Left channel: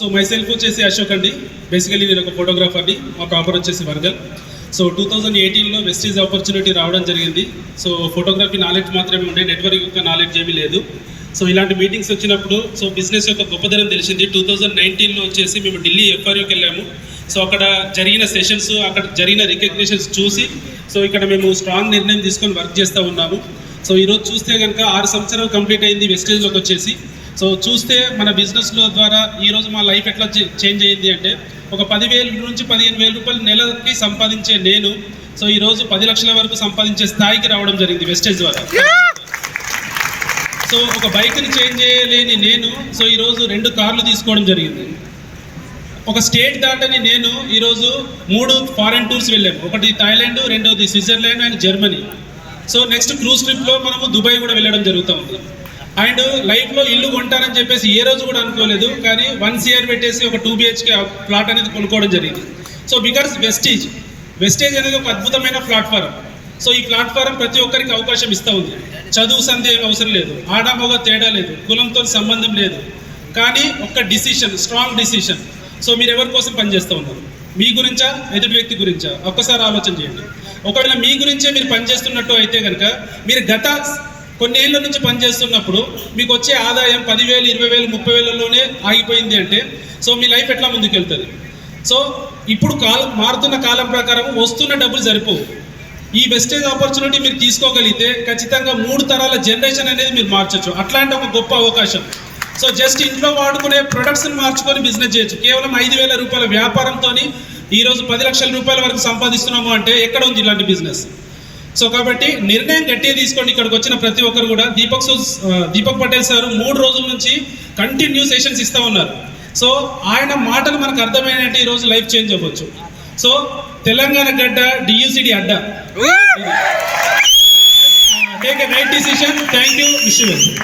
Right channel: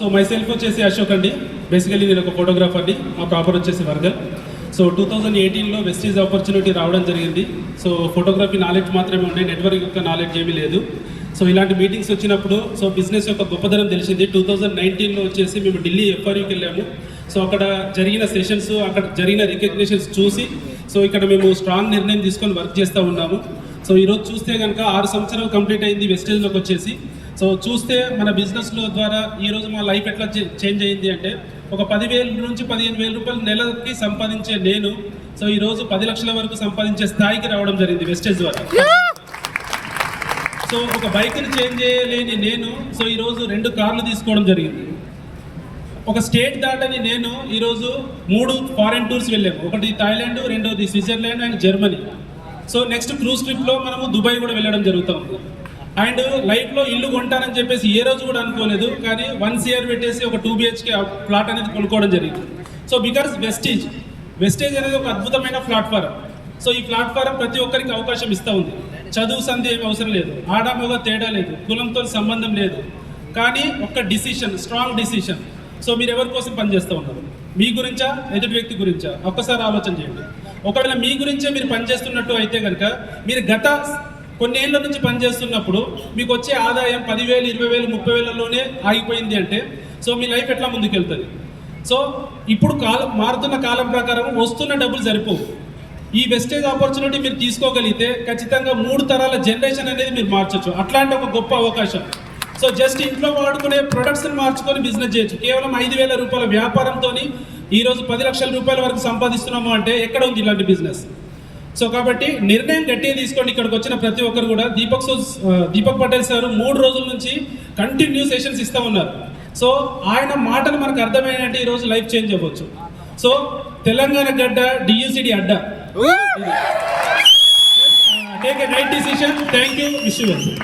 So my self వచ్చేసి అశోక్ అండి. Basically నేను ఒక ఫోటోగ్రాఫర్ని. మా ప్రాపర్ వచ్చేసి వరంగల్. సో 2018లో వెస్టీజ్ ఆపర్చునిటీ రావడం జరిగింది. సో ఫోటోగ్రఫీ నాలెడ్జ్ మాత్రమే ఉండే, నెట్వర్క్ యొక్క నాలెడ్జ్ ఏమీ లేదు. సో ఇలాంటి మీటింగ్స్ వచ్చినప్పుడు సో బిజినెస్ యొక్క గొప్పదనం తెలిసింది. 2019లో వచ్చేసి మేము ఢిల్లీ ఎఫ్ఆర్యూకి వెళ్ళాము. సో అక్కడ జరిగిన సెషన్స్, అక్కడ జరిగిన రికగ్నిషన్స్ చూసి సో ఇక్కడ మేము స్ట్రాంగ్ నిర్ణయం తీసుకొని వర్క్ చేస్తూ ఉన్నాము. సో ఈరోజు చూస్తే కనుక 6 సంవత్సరాలు కంప్లీట్ అయింది వెస్టేజ్లోకి వచ్చేసి. సో చూస్తే మన బిజినెస్లో ద్వారా ఈరోజు మా లైఫ్ ఎట్లా చేంజ్ అయ్యింది అంటే, ఒక 10,000 నుంచి 15,000 రూపాయలు నెలకి సంపాదించే నేను సో ఈరోజు 10 లక్షల వరకు సంపాదించే స్థాయికి రావడం జరిగింది వెస్టేజ్ ద్వారా. సో ఒక బైక్ని చేంజ్ చేయలేని నేను సో ఈరోజు 2 కార్లు తీసుకోవడం జరిగింది. ఒక స్టేట్ దాటని నేను ఈరోజు 3 ఫారెన్ టూర్స్ వెళ్ళాము. ఒకటి థాయిలాండ్, రెండోది Switzerland and Germany. So next cruise ట్రిప్లో మనము దుబాయ్ కూడా వెళ్ళడం జరుగుతూ ఉంది. అండ్ లైఫ్లో ఇల్లు కొంటానని చెప్పేసి ఏ రోజు కూడా అనుకోలేదు, కానీ 1 CR పెట్టేసి ఒక 2 BHK ప్లాట్ అనేది కొనుక్కోవడం జరిగింది. సో బికాస్ వెస్టేజ్ అనేది ఒక అద్భుతమైన ప్లాట్ఫారం. సో ఈ ప్లాట్ఫారం ప్రతి ఒక్కరికి అవకాశం ఇస్తూ ఉంది. చదువు సంధి ఏం అవసరం లేదు, ఆడామోగా తేడా లేదు, కులంతో సంబంధం లేదు, కానీ ఒక్క డిసిషన్, స్ట్రాంగ్ డిసిషన్. సో మీరు ఎవరి కోసం పనిచేస్తూ ఉన్నారు? మీ గురించా, ఎదుటి వ్యక్తి గురించా? ఒక్కసారి ఆలోచన చేయండి. ఒకవేళ మీ గురించే మీరు పనిచేస్తున్నట్టు అయితే కనుక, మీరు గత కొన్నేళ్ల నుంచి పనిచేస్తున్నప్పుడు మీకు వచ్చే ఆదాయం 10,000, 20,000, 30,000లోనే ఆగిపోయింది అంటే సో మీ లైఫ్ ఎట్లా ముందుకెళ్తుంది? సో ఇప్పుడు మారుతున్న కాలం ప్రకారం వస్తున్న డబ్బులు సరిపోవు. ఈ వెస్టేజ్ ఆపర్చునిటీ మీరు తీసుకోగలిగితే ఖచ్చితంగా 3 తరాల జనరేషన్ అనేది మీరు మార్చచ్చు. అట్లాంటి ఒక గొప్ప అవకాశం. సో జస్ట్ ఇంట్లో వాడుకునే ప్రొడక్ట్స్ని మార్చుకొని బిజినెస్ చేయొచ్చు. కేవలం 5,000 రూపాయల వ్యాపారంతో ఈరోజు 10 లక్షల రూపాయల వరకు సంపాదిస్తున్నాము అంటే ఎక్కడ ఉంది ఇలాంటి బిజినెస్? సో కాబట్టి నిర్ణయం గట్టిగా తీసుకోండి. ఇక్కడికి వచ్చిన ప్రతి ఒక్కరు కూడా దీపక్ పటేల్ సార్ 3 రోజుల నుంచి కంటిన్యూ సెషన్స్ ఇస్తూ ఉన్నారు. సో ఆయన మాటలు మనకు అర్థమైనట్టు ఈరోజు లైఫ్ చేంజ్ అవ్వచ్చు. సో తెలంగాణ గడ్డ DUCD Adda. Take a right decision. Thank you. Wish you.